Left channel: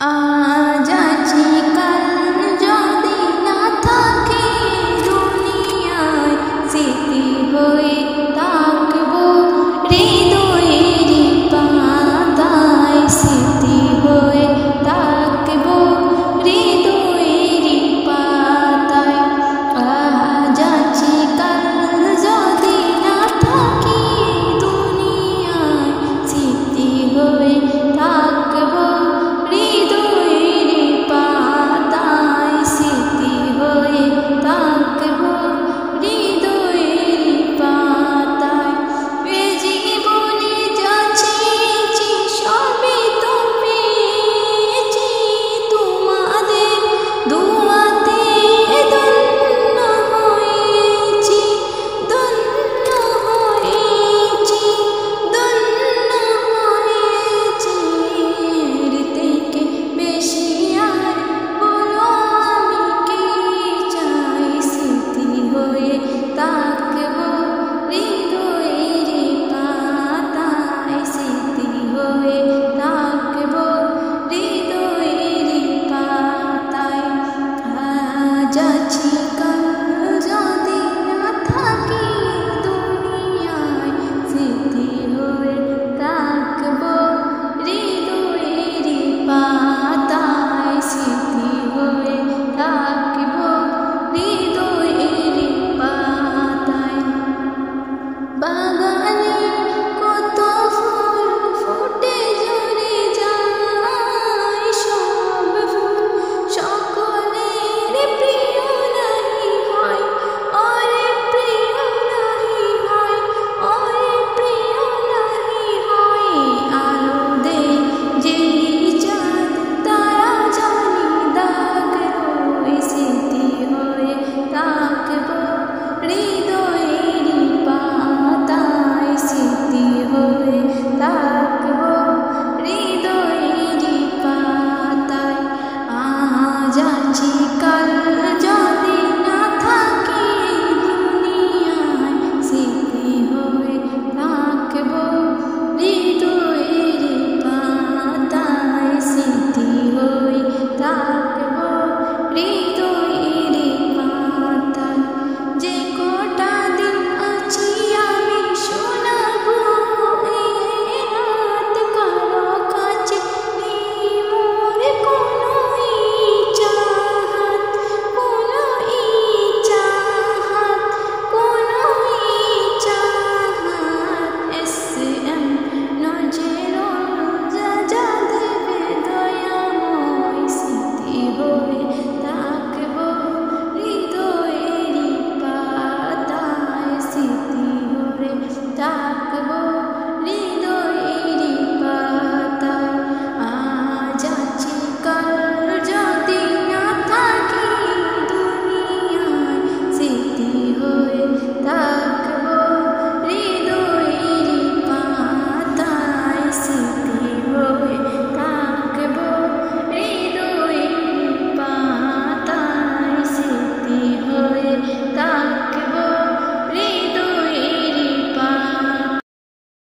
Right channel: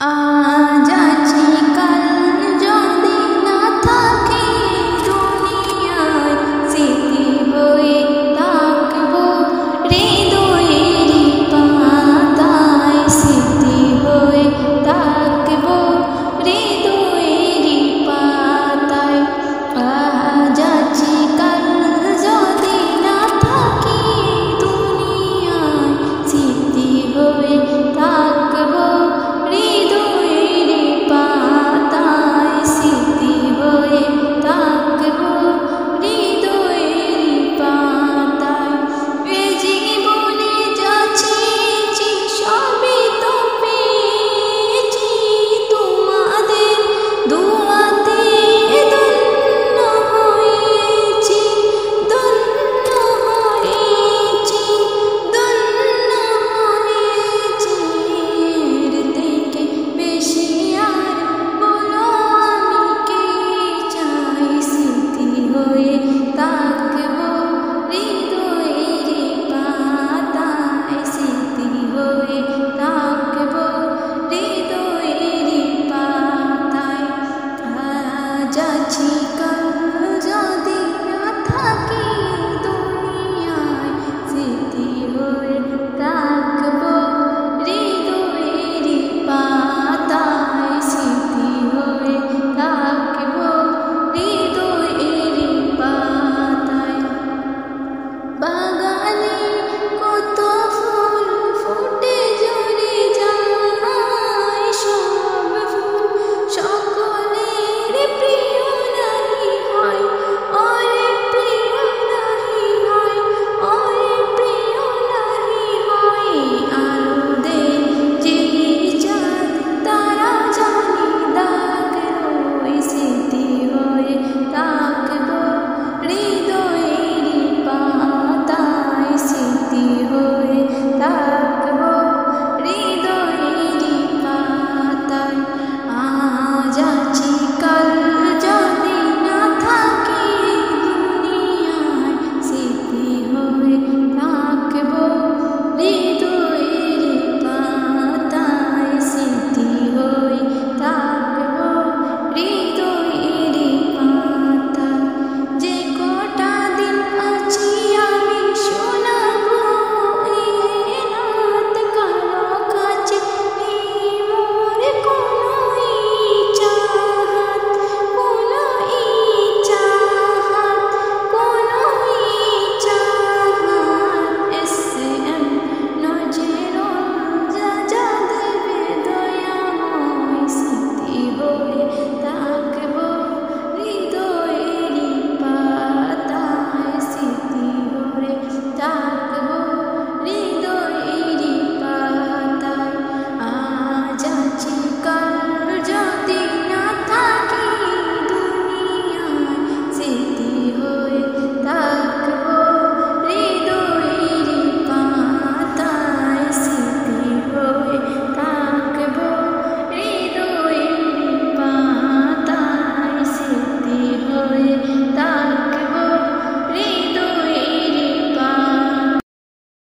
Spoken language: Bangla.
আজ আছি কাল যদি না থাকে দুনিয়ায়, স্মৃতি হয়ে থাকবো হৃদয়েরই পাতায়, স্মৃতি হয়ে থাকবো হৃদয়েরই পাতায়। আজ আছি কাল যদি না থাকি দুনিয়ায়, স্মৃতি হয়ে থাকবো হৃদয়েরই পাতায়, স্মৃতি হয়ে থাকবো হৃদয়েরই পাতায়। এ জীবনে যা চেয়েছি সবই তো পেয়েছি, তোমাদের দুয়াতে ধন্য হয়েছি, ধন্য হয়েছি, ধন্য হয়েছি। এর থেকে বেশি আর বলো আমি কি চাই, স্মৃতি হয়ে থাকবো হৃদয়েরই পাতায়, স্মৃতি হয়ে থাকবো হৃদয়েরই পাতায়। আজ আছি কাল যদি না থাকি দুনিয়ায়, স্মৃতি হয়ে থাকবো হৃদয়েরই পাতায়, স্মৃতি হয়ে থাকবো হৃদয়েরই পাতায়। বাগানে কত ফুল ফুটে ঝরে যায়, সব ফুল সকলের প্রিয় নাহি হয়, ওরে প্রিয় নাহি হয়, ওরে প্রিয় নাহি হয়। আলো দে যেই চাঁদ তারা জানি দাগ রই, স্মৃতি হয়ে থাকবো হৃদয়েরই পাতায়, স্মৃতি হয়ে থাকবো হৃদয়েরই পাতায়। আজ আছি কাল যদি না থাকি দুনিয়ায়, স্মৃতি হয়ে থাকবো হৃদয়েরই পাতায়, স্মৃতি হয়ে থাকবো হৃদয়েরই পাতায়। যে কটা দিন আছি আমি শোনাবো এই রাত, কারো কাছে নেই মোর কোনো ইচ্ছাহাত, কোনো ইচ্ছাহাত, কোনো ইচ্ছাহাত। এস.এম. নজরুল যা দেবে দয়াময়, স্মৃতি হয়ে থাকবো হৃদয়েরই পাতায়, স্মৃতি হয়ে থাকবো